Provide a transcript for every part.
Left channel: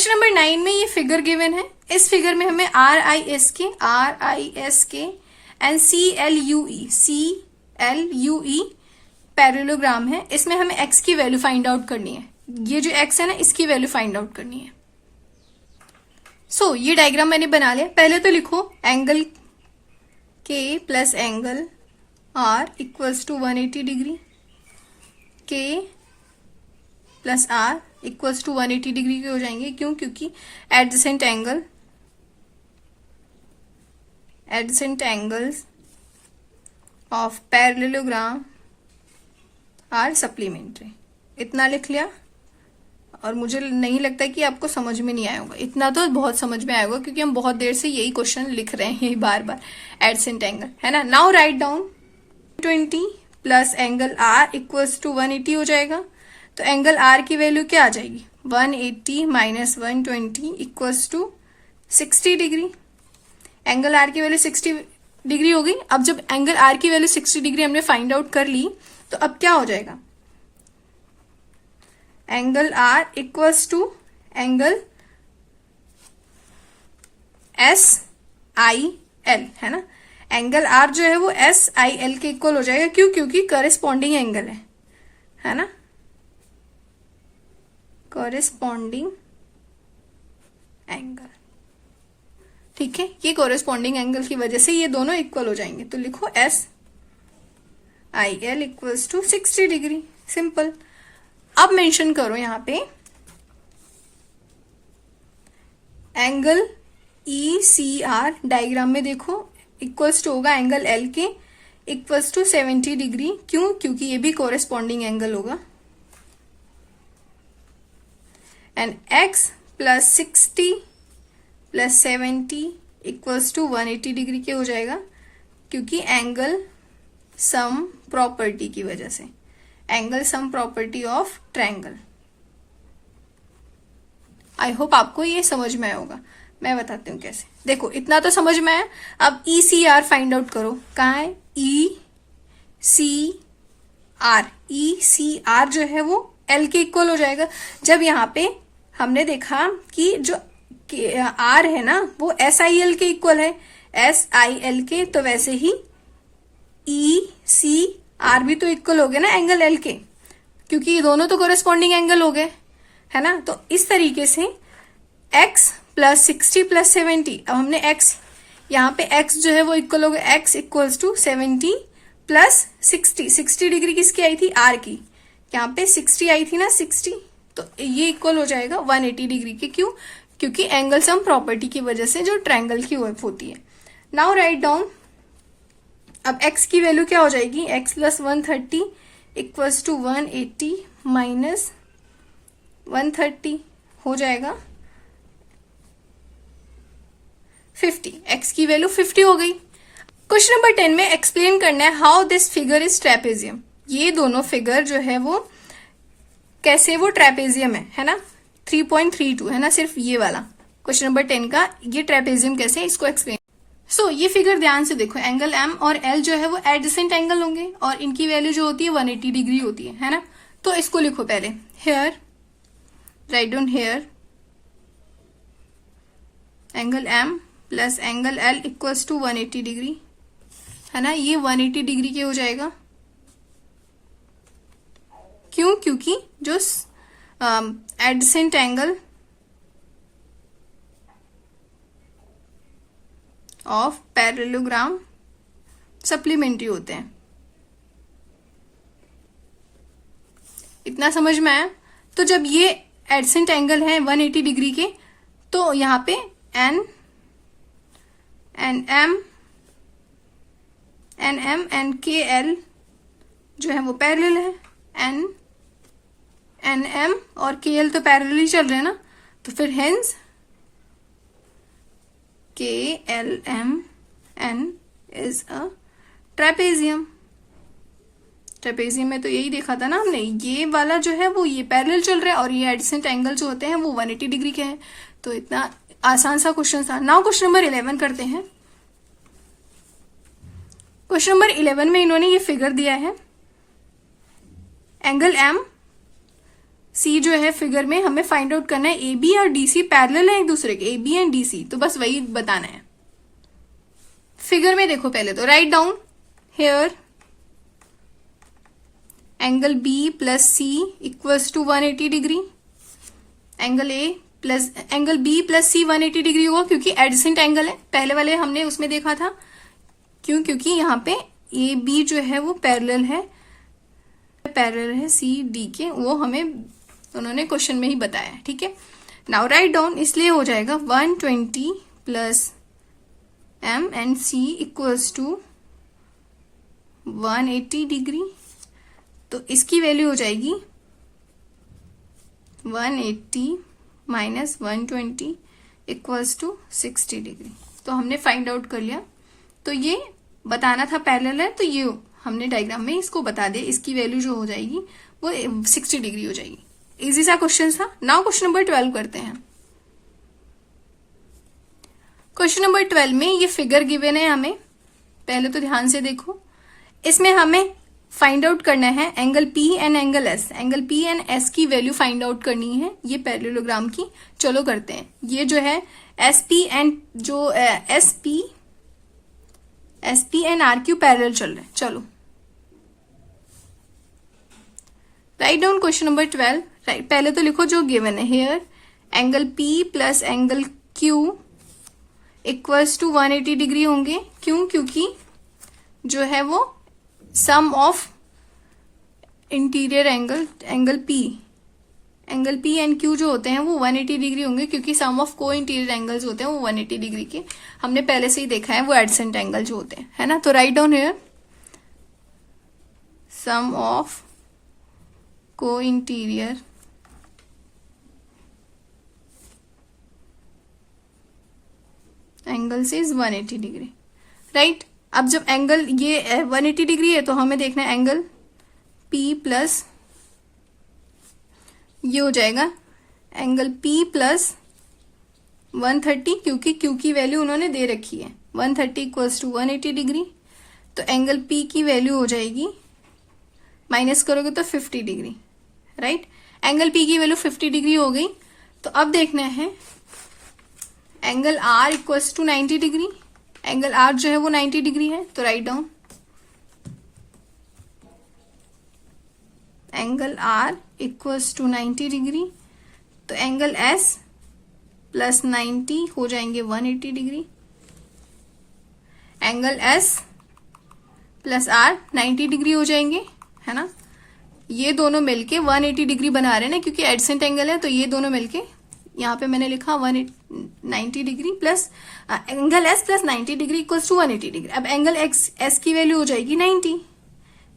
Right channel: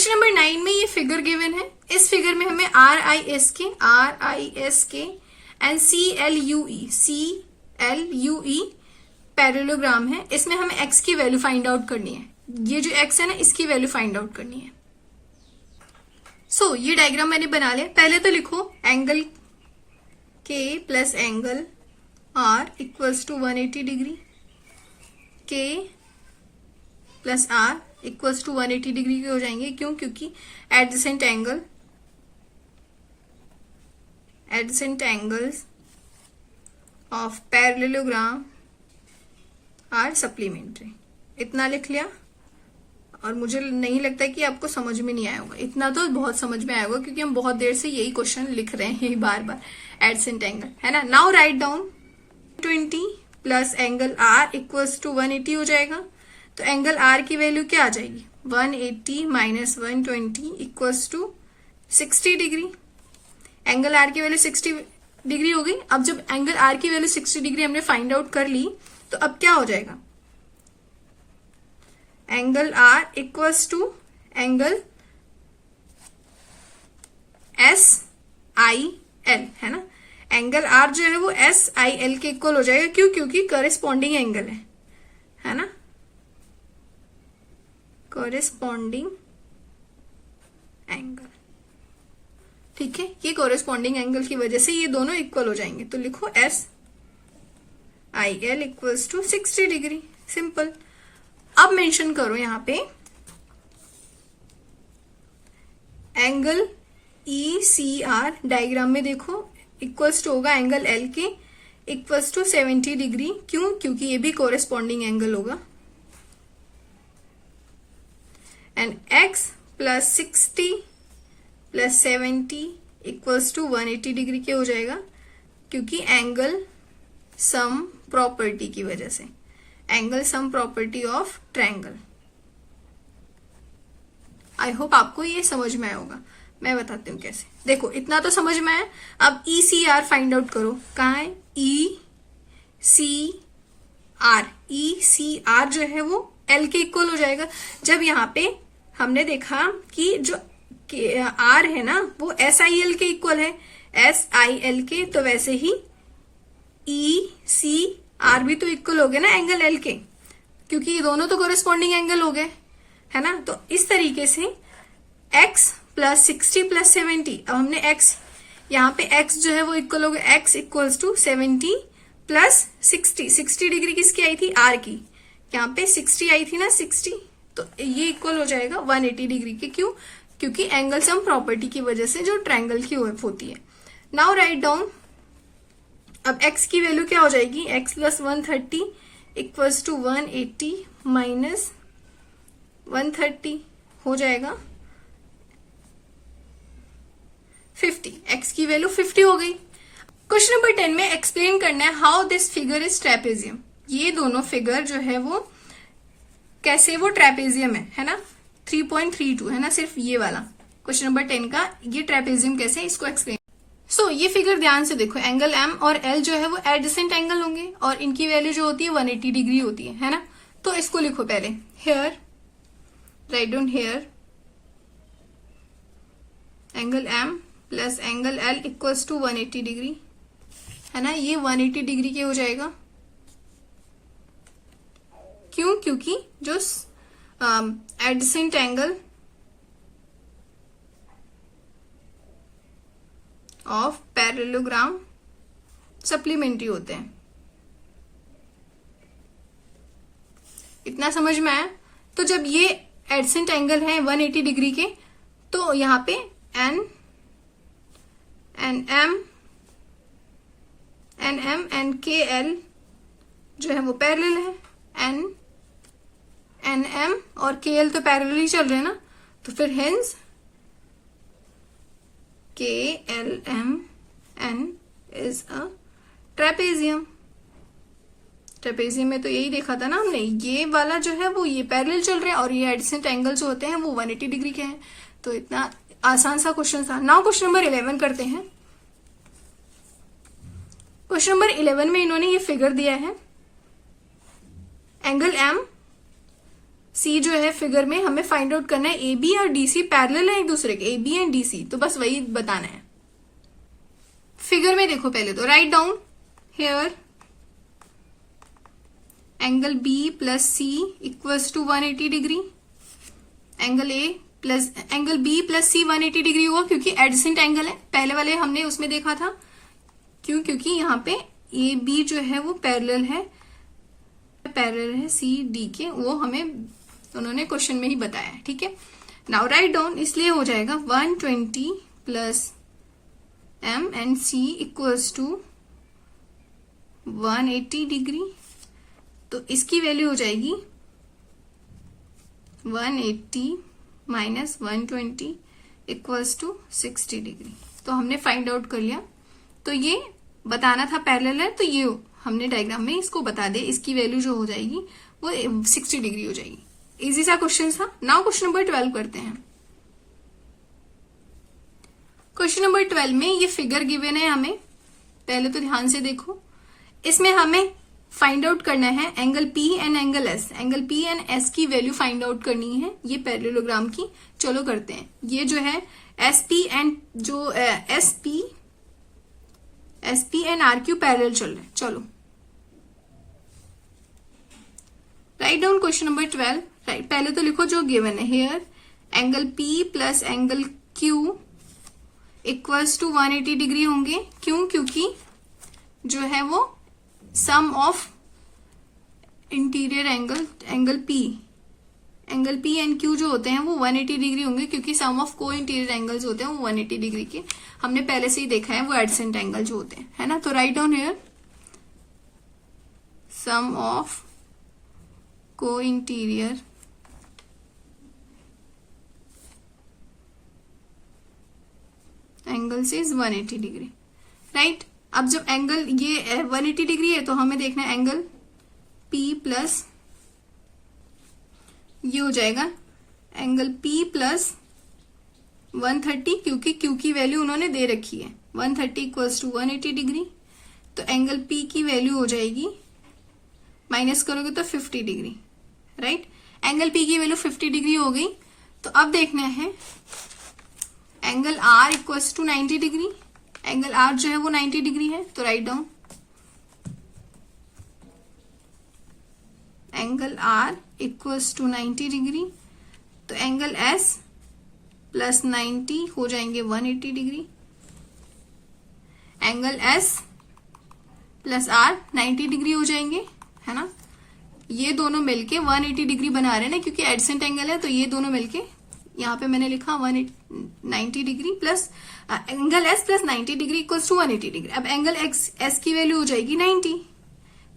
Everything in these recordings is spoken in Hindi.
क्वेश्चन नंबर 9 में ये फिगर गिवन है। इस फिगर में हमें RISK एंड CLUE पैरेललोग्राम है। इसमें हमें x की वैल्यू फाइंड आउट करनी है। ये जो x है ना, इसकी वैल्यू फाइंड आउट करनी है। ये डायग्राम मैंने बना लिया। पहले तो लिखो angle K plus angle R equals to 180 degree. K plus R equals to 180 degree के हो जाएंगे। क्यों? क्योंकि adjacent angles of parallelogram are supplementary. इतना लिख लिया। और मुझे नहीं लगता कि आपको समझ में नहीं आया होगा। इतना तो बहुत समझ में आया होगा, क्योंकि हम बहुत देर से यही क्वेश्चन लिख रहे हैं बार बार। एडजेसेंट एंगल है ना। Now write down 20 plus angle R equals to 180 हो जाएगा। तो एंगल आर की वैल्यू क्या आ जाएगी? 180 minus 120 equals to 60 degree. Angle R की वैल्यू 60 डिग्री हो गई। अब जब एंगल आर की वैल्यू 60 डिग्री हमने फाइंड आउट कर ली, तो अब क्या हो जाएगा? Angle R equals to angle SIL है ना। एंगल आर जो है वो SIL के इक्वल हो जाएगा। क्यों? क्योंकि कॉरेस्पॉन्डिंग एंगल है ना। कॉरेस्पॉन्डिंग एंगल, ठीक है। ये कॉरेस्पॉन्डिंग एंगल की वजह से ये दोनों इक्वल हो जाएंगे। तो लिखो SIL equals to 60 degree. Simple. अब मेंशन करो यहां पे एंगल ECR। डायग्राम में देखो इक्वल्स टू होगा एंगल L के इक्वल्स टू 70 डिग्री। क्यों? क्योंकि ये भी कॉरेस्पॉन्डिंग एंगल होगा। And X plus 60 plus 70 equals to 180 degree के हो जाएगा, क्योंकि एंगल सम प्रॉपर्टी की वजह से। Angle sum property of triangle. I hope आपको ये समझ में आया होगा। मैं बताती हूँ कैसे। देखो इतना तो समझ में आया। अब ECR फाइंड आउट करो। कहाँ है? ECR जो है वो L के इक्वल हो जाएगा। जब यहाँ पे हमने देखा कि जो R है ना वो SIL के इक्वल है, SIL के, तो वैसे ही ECR भी तो इक्वल हो गए ना एंगल L के, क्योंकि ये दोनों तो कोरेस्पॉन्डिंग एंगल हो गए, है ना। तो इस तरीके से X प्लस 60 प्लस 70। अब हमने X यहाँ पे X जो है वो इक्वल हो गया X equals to 70 plus 60 degree किसकी आई थी? R की। यहाँ पे 60 आई थी ना, 60। तो ये इक्वल हो जाएगा 180 डिग्री के। क्यों? क्योंकि एंगल सम प्रॉपर्टी की वजह से जो ट्रायंगल की वर्क होती है। Now write down. अब x की वैल्यू क्या हो जाएगी? x plus 130 equals to 180 minus 130 हो जाएगा 50। x की वैल्यू 50 हो गई। क्वेश्चन नंबर 10 में एक्सप्लेन करना है how this figure is trapezium. ये दोनों फिगर जो है वो कैसे वो ट्रेपेजियम है ना। 3.32 है ना, सिर्फ ये वाला। क्वेश्चन नंबर 10 का ये ट्रेपेजियम कैसे है, इसको एक्सप्लेन। ये फिगर ध्यान से देखो। एंगल M और L जो है वो एडजेसेंट एंगल होंगे और इनकी वैल्यू जो होती है 180 डिग्री होती है ना। तो इसको लिखो पहले। Here, write down here angle M plus angle L equals to 180 degree, है ना। ये 180 डिग्री के हो जाएगा। क्यों? क्योंकि जो adjacent angle of parallelogram supplementary होते हैं। इतना समझ में आया। तो जब ये एडजेसेंट एंगल है 180 डिग्री के, तो यहां पे NM एंड KL जो है वो पैरेलल है। NM और KL तो पैरेलल ही चल रहे हैं ना। तो फिर hence KLMN is a trapezium. Trapezium में तो यही देखा था ना हमने। ये वाला जो है वो ये पैरेलल चल रहा है और ये एडजेसेंट एंगल जो होते हैं वो 180 डिग्री के हैं। तो इतना आसान सा क्वेश्चन था। नाउ क्वेश्चन नंबर 11 करते हैं। क्वेश्चन नंबर 11 में इन्होंने ये फिगर दिया है। एंगल M सी जो है फिगर में हमें फाइंड आउट करना है ए बी और डी सी पैरेलल है एक दूसरे के, A B and D C, तो बस वही बताना है। फिगर में देखो पहले तो, write down here angle B plus C equals to 180 degree, angle A plus angle B plus C 180 degree होगा क्योंकि एडजेसेंट एंगल है। पहले वाले हमने उसमें देखा था, क्योंकि यहाँ पे ए बी जो है वो पैरेलल है सी डी के, वो हमें उन्होंने क्वेश्चन में ही बताया। ठीक है, नाउ राइट डाउन, इसलिए हो जाएगा 120 plus M and C equals to 180 degree, तो इसकी वैल्यू हो जाएगी 180 माइनस 120 इक्वल्स टू 60 डिग्री। तो हमने फाइंड आउट कर लिया, तो ये बताना था पैरेलल है, तो ये हमने डायग्राम में इसको बता दे, इसकी वैल्यू जो हो जाएगी वो 60 डिग्री हो जाएगी। इजी सा क्वेश्चन था। नाउ क्वेश्चन नंबर 12 करते हैं। क्वेश्चन नंबर 12 में ये फिगर गिवन है हमें, पहले तो ध्यान से देखो। इसमें हमें फाइंड आउट करना है angle P and angle S, angle P and S की वैल्यू फाइंड आउट करनी है, ये पैरेललोग्राम की। चलो करते हैं। ये जो है एस पी एंड जो S P and R Q parallel चल रहे हैं। चलो write down question number 12। Right, पहले तो लिखो जो गिवन है here angle P plus angle Q equals to 180 degree होंगे। क्यों? क्योंकि जो है वो sum of interior angle P and Q जो होते हैं वो 180 डिग्री होंगे, क्योंकि sum of co interior angles होते हैं वो 180 डिग्री के, हमने पहले से ही देखा है, वो एडजेसेंट एंगल जो होते हैं, है ना। तो write down here sum of co interior angles is 180 degree. Right, अब जब एंगल ये 180 डिग्री है तो हमें देखना है एंगल P प्लस, ये हो जाएगा एंगल P प्लस 130, क्योंकि Q की वैल्यू उन्होंने दे रखी है 130 इक्वल्स टू 180 डिग्री, तो एंगल P की वैल्यू हो जाएगी, माइनस करोगे तो 50 डिग्री। राइट, एंगल P की वैल्यू 50 डिग्री हो गई। तो अब देखना है angle R equals to 90 degree, angle R जो है वो 90 डिग्री है, तो write down angle R equals to 90 degree, तो एंगल S प्लस 90 हो जाएंगे 180 degree, angle S plus R 90 degree हो जाएंगे, है ना। ये दोनों मिलके 180 डिग्री बना रहे हैं ना, क्योंकि एडजेसेंट एंगल है, तो ये दोनों मिलके यहाँ पे मैंने लिखा 190 degree plus angle S plus 90 degree equals to 180 degree. अब एंगल S की वैल्यू हो जाएगी 90,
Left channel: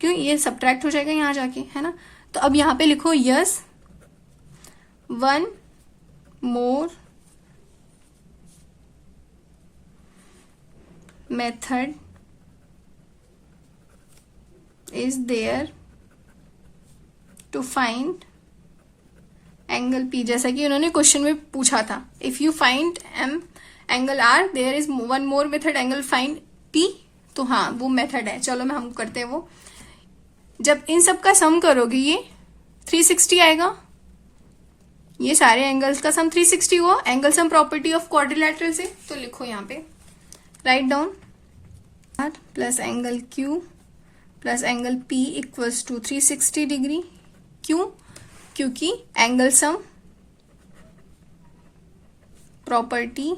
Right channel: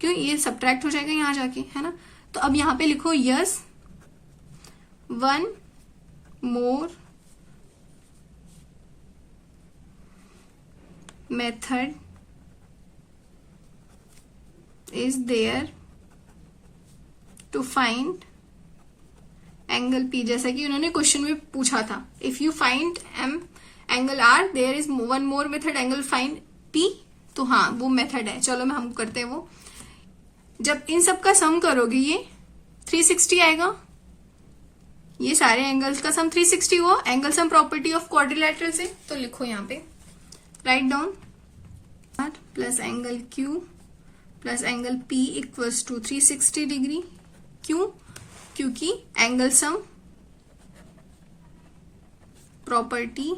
क्यों? ये सब्ट्रैक्ट हो जाएगा यहाँ जाके, है ना। तो अब यहाँ पे लिखो yes one more method is there to find angle P, जैसा कि उन्होंने क्वेश्चन में पूछा था, if you find angle R there is one more method angle find P। तो हाँ, वो मेथड है। चलो हम करते हैं वो। जब इन सब का सम करोगे ये 360 आएगा, ये सारे एंगल्स का सम 360 हुआ, angle sum property of quadrilateral से। तो लिखो यहाँ पे write down R plus angle Q plus angle P equals to 360 degree. क्यों? क्योंकि angle sum property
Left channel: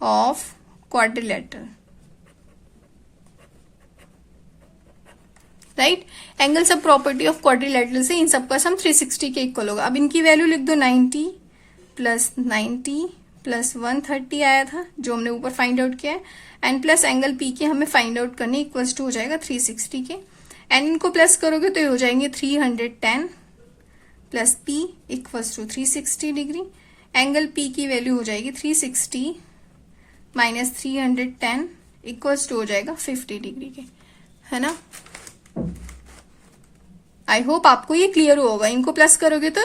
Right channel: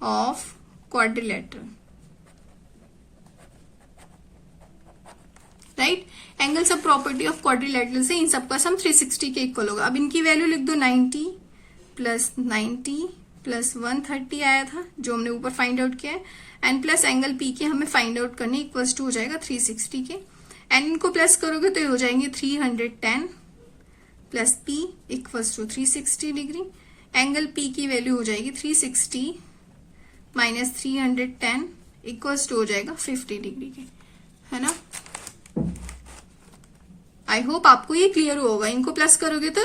of quadrilateral. Right, angle sum property of quadrilateral से इन सबका सम 360 के इक्वल होगा। अब इनकी वैल्यू लिख दो, 90 प्लस 90 प्लस 130 आया था जो हमने ऊपर फाइंड आउट किया है, एंड प्लस एंगल P की हमें फाइंड आउट करनी, इक्वल्स टू हो जाएगा 360 के, एंड इनको प्लस करोगे तो ये हो जाएंगे 310 plus P equals to 360 degree. Angle P की वैल्यू हो जाएगी 360 माइनस 310 इक्वल्स टू हो जाएगा 50 डिग्री के, है ना। आई होप आपको ये क्लियर होगा। इनको प्लस करोगे तो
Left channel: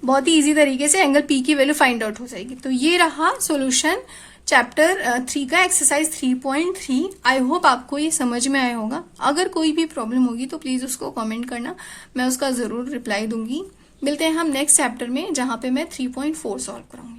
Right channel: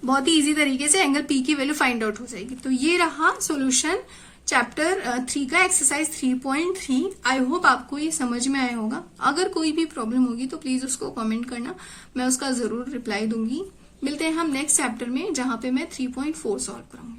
बहुत ही इजी तरीके से एंगल P की वैल्यू फाइंड आउट हो जाएगी। तो ये रहा सॉल्यूशन चैप्टर 3 का एक्सरसाइज 3.3। आई होप आपको ये समझ में आया होगा। अगर कोई भी प्रॉब्लम होगी तो प्लीज उसको कमेंट करना, मैं उसका जरूर रिप्लाई दूंगी। मिलते हैं हम नेक्स्ट चैप्टर में, जहां पे मैं 3.4 सॉल्व करूंगी।